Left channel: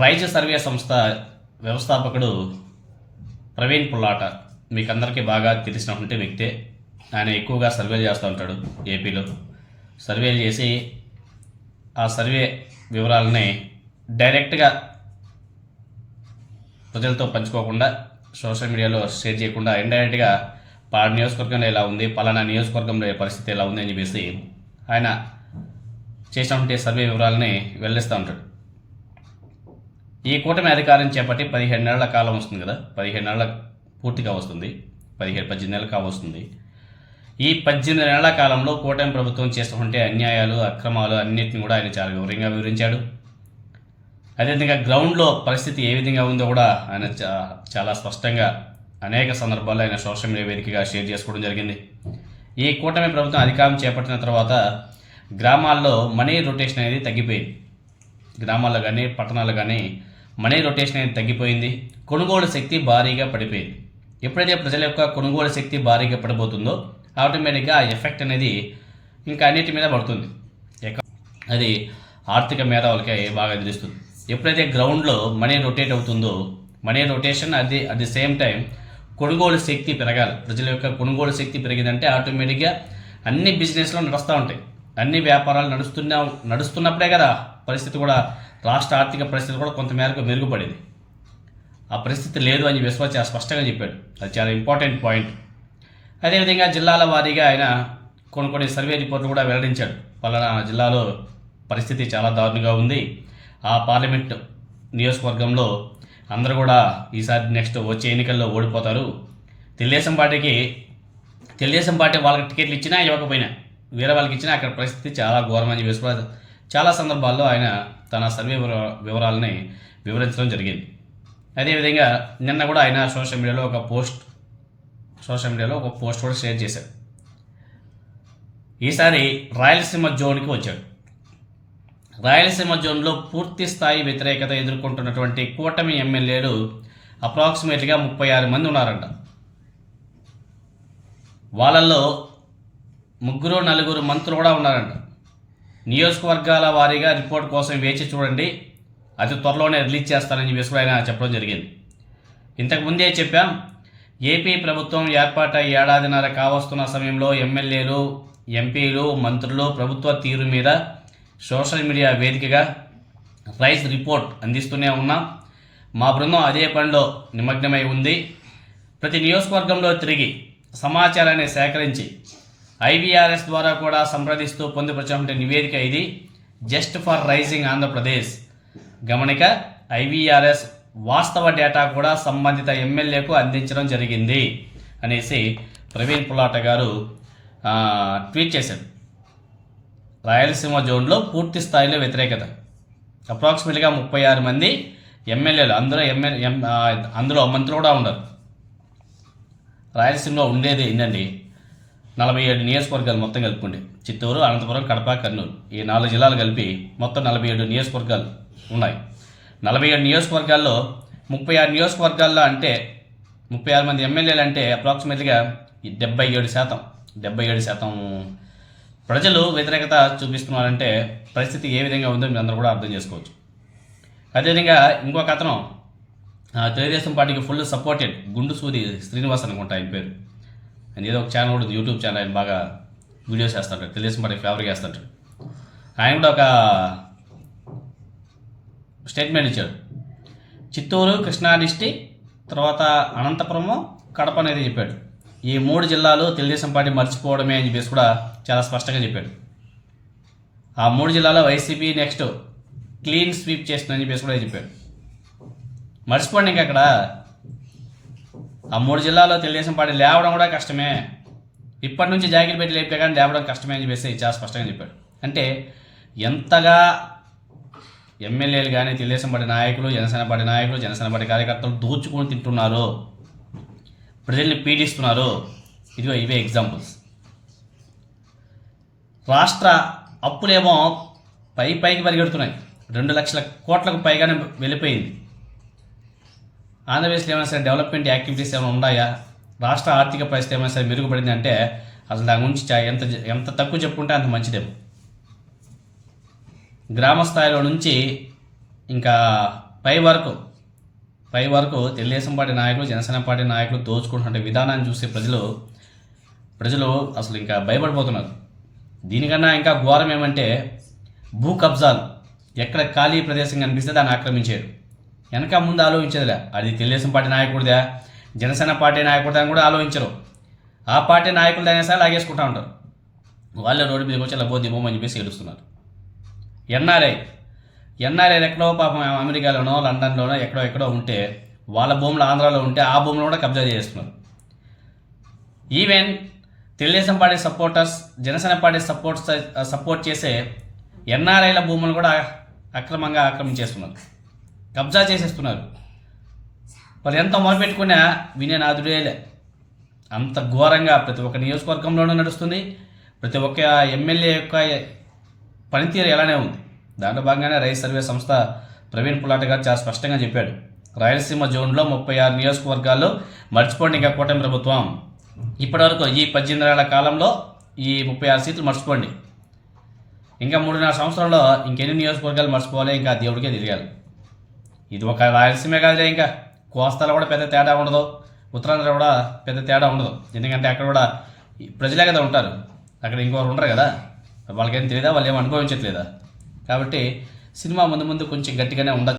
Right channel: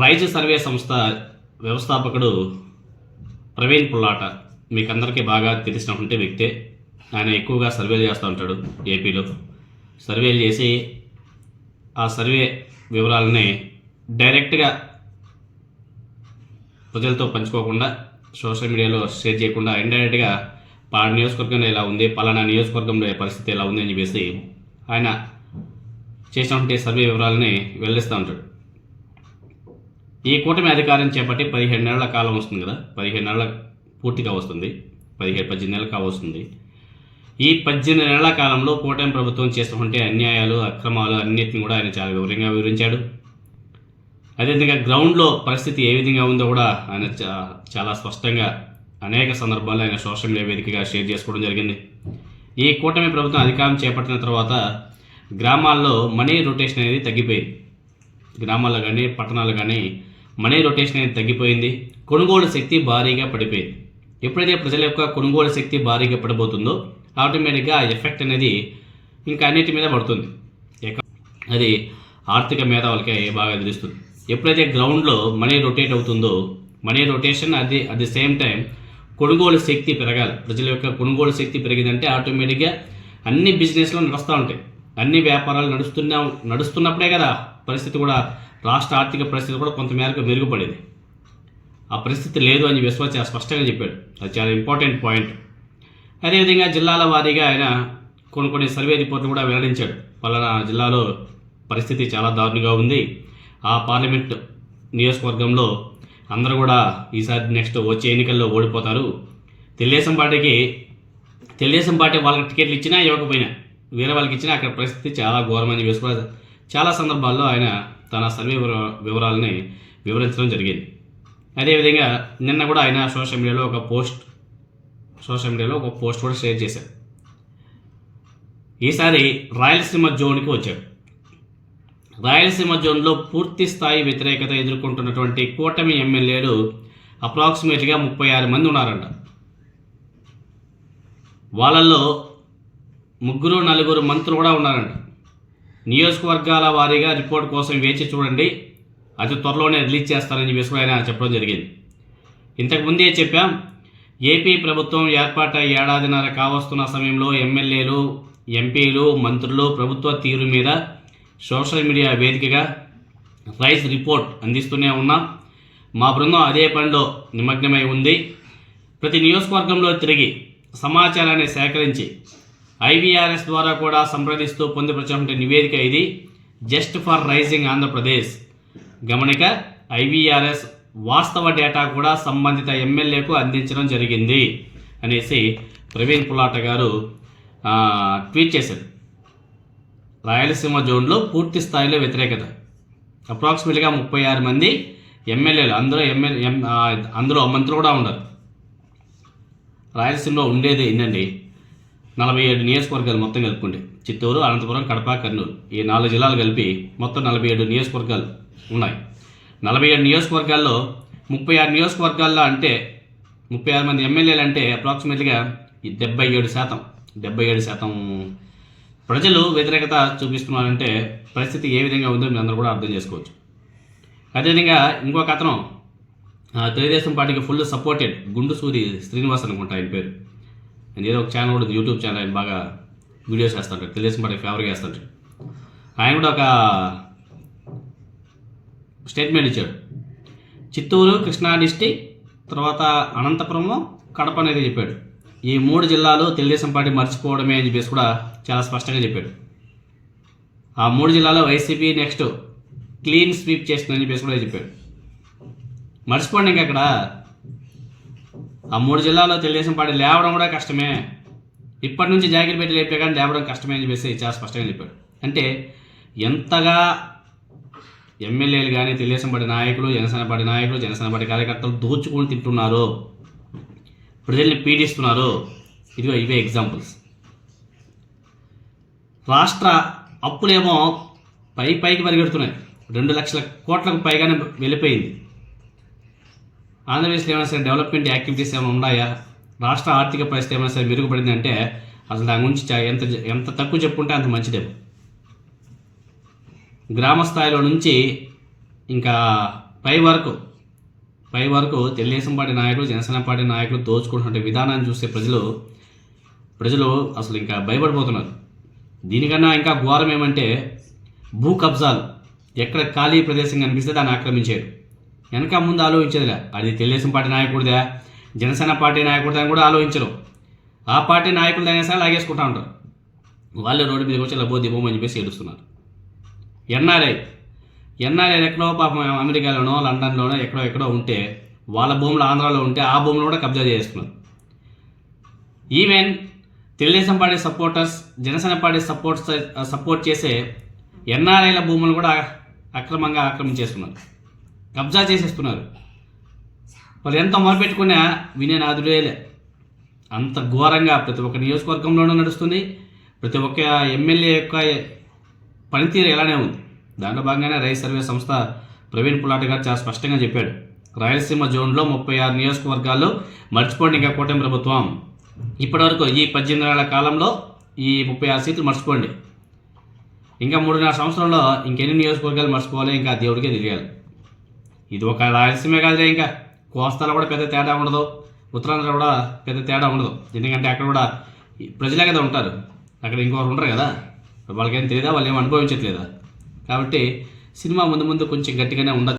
Rise survey సంస్థ వ్యవస్థాపకుడు ప్రవీణ్ పుల్లాట. మీకు అందరికీ బాగా తెలిసినటువంటి వ్యక్తే. ఆయన ఎక్కువగా సర్వేలు చేస్తూ ఉంటాడు ఏపీలో. సర్వేలు చేసి ఆ సర్వే వివరాలని డైరెక్ట్గా ప్రజలతో పంచుకోకుండా సోషల్ మీడియాలో షేర్ చేయకుండా ఇండైరెక్ట్గా పలానా నియోజకవర్గంలో ఇలా ఉంది పలానా నియోజకవర్గంలో పరిస్థితి ఎలా ఉంది అని చెప్పేసి ఆయన చేసినటువంటి సర్వే వివరాలని వెల్లడిస్తూ ఉంటాడు. ఈ కూటమి అధికారం చేపట్టి పదిహేను నెలల కాలం వస్తుంది కదా. పదిహేను నెలల పూర్తిగా వస్తుంది. పదిహేను పద్దెనిమిది నెలలు కావస్తుంది. ఈ పద్దెనిమిది నెలల కాలంలో కూటమి ప్రభుత్వం చేస్తున్నటువంటి అన్యాయాలు అక్రమాలు అన్నిటిని కూడా ఆయన చాలా వివరంగా వివరించాడు. అదేవిధంగా గ్రౌండ్లో పరిస్థితి ఏ విధంగా ఉందో కూడా ఆయన చాలా స్పష్టంగా అనేక సందర్భాల్లో ఆయన సోషల్ మీడియా వేదికగా షేర్ చేసుకోవడం జరిగింది. ఈ కూటమి ప్రభుత్వం అధికారం చేపట్టిన తర్వాత గ్రామాల్లో మనీ రొటేషన్ అనేది తగ్గిపోయింది. గ్రామాల్లో కానీ పట్టణాల్లో కానీ మనీ రొటేషన్ అనేది తగ్గిపోయింది. కొనుగోలు శక్తి భారీగా పడిపోయింది. ఎప్పుడైతే ప్రజల యొక్క కొనుగోలు శక్తి భారీగా పడిపోతుందో ఆటోమేటిక్గా ఆ ఎఫెక్ట్ అనేది ఇంకా అన్నిటి మీద పడుతుంది. అది ఆర్థిక మేధావులకి బాగా తెలుస్తుంది ఎప్పుడైతే గ్రౌండ్లో మనీ రొటేట్ అవుతుందో మనీ రొటేషన్ అది అట్ ది సేమ్ టైం కొనుగోలు శక్తి పెరగాలి. ప్రజల యొక్క కొనుగోలు శక్తి పెరిగిందంటే ఆటోమేటిక్గా అన్ని బిజినెస్లో నడుస్తూ ఉంటాయి. అన్ని వ్యాపారాలు నడుస్తున్న నడుస్తున్నప్పుడే కదా పరిస్థితి కూడా రాష్ట్ర ఆర్థిక పరిస్థితి కూడా కొంతమేరకు మెరుగుపడింది. ఆ పరిస్థితి లేదు అని విశ్వ చాలా స్పష్టంగా చెప్పాడు. అది చాలా ఇంపార్టెంట్ పాయింట్. అదేవిధంగా జిల్లాల వారీగా ఆయన కొన్ని కొన్ని సర్వే రిపోర్ట్లు కూడా వెల్లడించాడు. పలానా జిల్లాలో పరిస్థితి చాలా దారుణంగా ఉంది. ఆ పార్లమెంట్ నియోజకవర్గంలో అందరూ కూడా ఈసారి నెక్స్ట్ వచ్చే ఎన్నికల్లో ఓడిపోతారు. తెలుగుదేశం పార్టీకి తెలుగుదేశం పార్టీ వాళ్ళకి టికెట్లు ఇచ్చినా ఇవ్వకపోయినా వేరే వాళ్ళకి ఇచ్చినా అక్కడ పరిస్థితి చాలా ఘోరమని వేసుకోవాలి చాలా సందర్భాల్లో ఆయన తన సర్వే వివర- వివరాలని వివరించడం జరిగింది. అదేవిధంగా నిన్న కూడా ఆయన సోషల్ మీడియాలో ఒక పోస్ట్ సోషల్ మీడియాలో ఒక పోస్ట్ కూడా షేర్ చేశారు. ఈసారి రాయలసీమ జోన్కి వచ్చాడు. రాయలసీమ జోన్లో పూర్తి స్థాయి వ్యతిరేకత ఎదుర్కొంటున్నటువంటి కూటమి ఎమ్మెల్యేలు అప్రాక్సిమేట్గా ముప్పై ఆరు మంది ఉన్నారంట. వాళ్ళల్లో ముగ్గురు నలుగురు మంత్రులు కూడా ఉన్నారంట. నియోజకవర్గాల వారీగా రిపోర్ట్ కోసం వేచి చూడండి. అతి త్వరలోనే రిలీజ్ చేస్తారని చెప్పేసి కూడా ఆయన చెప్పడం జరిగింది. ఇంతకుముందే చెప్పాం ఏపీ ప్రభుత్వం ఏర్పాటై ఏడాదిన్నర కావస్తున్న సమయంలో ఎమ్మెల్యేలు ఎంపీలు మంత్రులు ప్రభుత్వ తీరు మీద సోషల్ మీడియా వేదికగా రైస్ రిపోర్ట్ అందిస్తూనే ఉన్నాం. మా బృందం అదే పనిలో నిమగ్నమై ఉంది. ప్రతి నియోజకవర్గంలో తిరిగి సమాచారాన్ని సేకరించి ఐవీఆర్ఎస్ ద్వారా కూడా సంప్రదిస్తూ పొందుపరిచినటువంటి నివేదిక ఇది. Just for rising Andhra Pradesh. గమనిక ఐవీఆర్ఎస్ వాస్తవ డేటా కూడా సంబంధిత ఎమ్మెల్యేకు అందించడం జరిగింది అనేసి ప్రవీణ్ పులాట గారు ట్వీట్ చేశారు. రాయలసీమ జోన్లో పూర్తి స్థాయిలో వ్యతిరేకత. అప్రాక్సిమేట్గా ముప్పై ఆరు మంది ఎమ్మెల్యేలు అందులో ఎమ్మెల్యే అందులో మంత్రులు కూడా ఉండరు రాయలసీమలో ఉండేది ఏంటండి నలభై ఏడు నియోజకవర్గాలు మొత్తం కలుపుకుంటే చిత్తూరు అనంతపురం కడప కర్నూలు ఈ నాలుగు జిల్లాలు కలిపి మొత్తం నలభై ఏడు నియోజకవర్గాలు ఉన్నాయి. నలభై ఏడు నియోజకవర్గాల్లో ముప్పై ఆరు నియోజకవర్గాల్లో అంటే ముప్పై ఆరు మంది ఎమ్మెల్యేలు అంటే అప్రాక్సిమేట్లీగా డెబ్బై ఏడు శాతం. డెబ్బై ఏడు శాతం ప్రజలు వ్యతిరేకత చూపిస్తున్నారంటే పరిస్థితి ఏ విధంగా ఉందో మీరు అందరూ కూడా అర్థం చేసుకోవచ్చు. అదేవిధంగా ఇంకొక అతను తెలుగుదేశం పార్టీకి ఫుల్ సపోర్టెడ్ గుండు సూది శ్రీనివాస్ అనుకుంటా ఆయన పేరు. అండ్ ఏదో ఒక ఛానల్ ఉంటుంది ఉంది, యూట్యూబ్ ఛానల్ ఆయన బాగా వీడియోస్ చేస్తుంటాడు. తెలుగుదేశం పార్టీకి ఫేవర్గా చేస్తుంటాడు. ఆయన కూడా ఒక స్టేట్మెంట్ ఇచ్చాడు. చిత్తూరు కృష్ణా డిస్టిక్ తర్వాత అనంతపురము కడప అనేది చెప్పాడు. ఈ మూడు జిల్లాలు తెలుగుదేశం పార్టీ మర్చిపోవడమే అని చెప్పేసి కూడా చాలా స్పష్టంగా చెప్పాడు. ఆ మూడు జిల్లాలో వైసీపీ నెక్స్ట్ క్లీన్ స్వీప్ చేస్తుందని చెప్పేసి కూడా చెప్పాడు. మర్చిపోండి ఇంకా అక్కడ ఆ మూడు జిల్లాలో తెలుగుదేశం పార్టీ లేవడం కూడా కష్టమే. ఇప్పటి నుంచి జాకెట్ పెట్టి లేపితే కానీ లేవడం కష్టమే అని చెప్పేసి చాలా స్పష్టంగా చెప్పాడు. అంటే ఎంతగా ఎమ్మెల్యేలు కానీ తెలుగుదేశం పార్టీ నాయకులు జనసేన పార్టీ నాయకులు జనసేన పార్టీ కార్యకర్తలు దోచుకొని తింటున్నారు ప్రజల్ని పీడిస్తున్నారు. ఇదిగో ఇవే ఎగ్జాంపుల్స్ రాష్ట్ర అప్పులేమో పై పైకి పరిగెడుతున్నాయి. రెండు లక్షల కోట్లకు పైగానే వెళ్ళిపోయింది. ఆంధ్రప్రదేశ్లో ఏమైనా సరే డెవలప్మెంట్ యాక్టివిటీస్ ఏమైనా ఉన్నాయా? రాష్ట్ర ఆర్థిక పరిస్థితి ఏమైనా సరే మెరుగుపడింది అంటే అసలు దాని గురించి ఎంత ఎంత తక్కువ చెప్పుకుంటే అంత మంచిదేమో. గ్రామ స్థాయిలో నుంచి ఇంకా పై వరకు పై వరకు తెలుగుదేశం పార్టీ నాయకులు జనసేన పార్టీ నాయకులు దోచుకుంటున్న విధానాన్ని చూసే ప్రజలు ప్రజలు అసలు ఇంకా భయపడిపోతున్నారు. దీనికన్నా ఇంకా ఘోరం ఏమంటే భూ కబ్జాలు. ఎక్కడ ఖాళీ ప్రదేశం కనిపిస్తే దాన్ని ఆక్రమించారు వెనక ముందు ఆలోచించదులే. అది తెలుగుదేశం పార్టీ నాయకుడిదా. జనసేన పార్టీ నాయకుడిదా అని కూడా ఆలోచించరు. ఆ పార్టీ నాయకులు సరే లాగేసుకుంటా ఉంటారు. వాళ్ళే రోడ్డు మీద వచ్చి లబో పోతే అని చెప్పేసి ఏడుస్తున్నారు. ఎన్ఆర్ఐ ఎన్ఆర్ఐ ఎక్కడో పాపం అమెరికాలోనో లండన్లోనో ఎక్కడో ఎక్కడో ఉంటే వాళ్ళ భూములు ఆంధ్రాలో ఉంటే ఆ భూములు కూడా కబ్జా చేస్తున్నారు even Telugu Desam party supporters Janasena party support support చేసే ఎన్ఆర్ఐల భూములు కూడా అక్రమంగా ఆక్రమించేస్తున్నారు. కబ్జా చేసేస్తున్నారు. వాళ్ళు ఎంత మొరపెట్టుకున్నా వినే నాదుడేలే అంత ఘోరంగా ప్రతి ఒక్క నియోజకవర్గంలోనూ నడుస్తుంది. ప్రతి ఒక్క ఎమ్మెల్యే యొక్క పనితీరు ఎలానే ఉంది. దాంట్లో భాగంగానే రైస్ సర్వే సంస్థ ప్రవీణ్ పులాట గారు చాలా స్పష్టంగా చెప్పాడు. రాయలసీమ జోన్లో ముప్పై ఆరు నియోజకవర్గాల్లో మర్చిపోండి ఇంకా కూటమి ప్రభుత్వం. ఇప్పటివరకు ఈ పద్దెనిమిది నెలల కాలంలో ఈ ముప్పై ఆరు సీట్లు మర్చిపోండి. ఇంకా మూడున్నర సంవత్సరంలో ఇంకెన్ని నియోజకవర్గాలు మర్చిపోవాలి? ఇంకా దేవుడికే తెలియాలి. ఇది ఒక రాయలసీమే కాదులే ఇంకా. కోస్తాలో కూడా పెద్ద తేడా ఉండదు. ఉత్తరాంధ్ర కూడా పెద్ద తేడా ఉండదు. ఎందుకంటే అక్కడ కూడా ఈ ప్రజలే కదా ఉంటారు. అక్కడ ఇంకొకరు ఉండరు కదా. వాళ్ళకేం తెలియదా వాళ్ళు ఏం అనుభవించట్లేదా? కాబట్టి సినిమా ముందు ముందు కొంచెం గట్టిగానే ఉండదు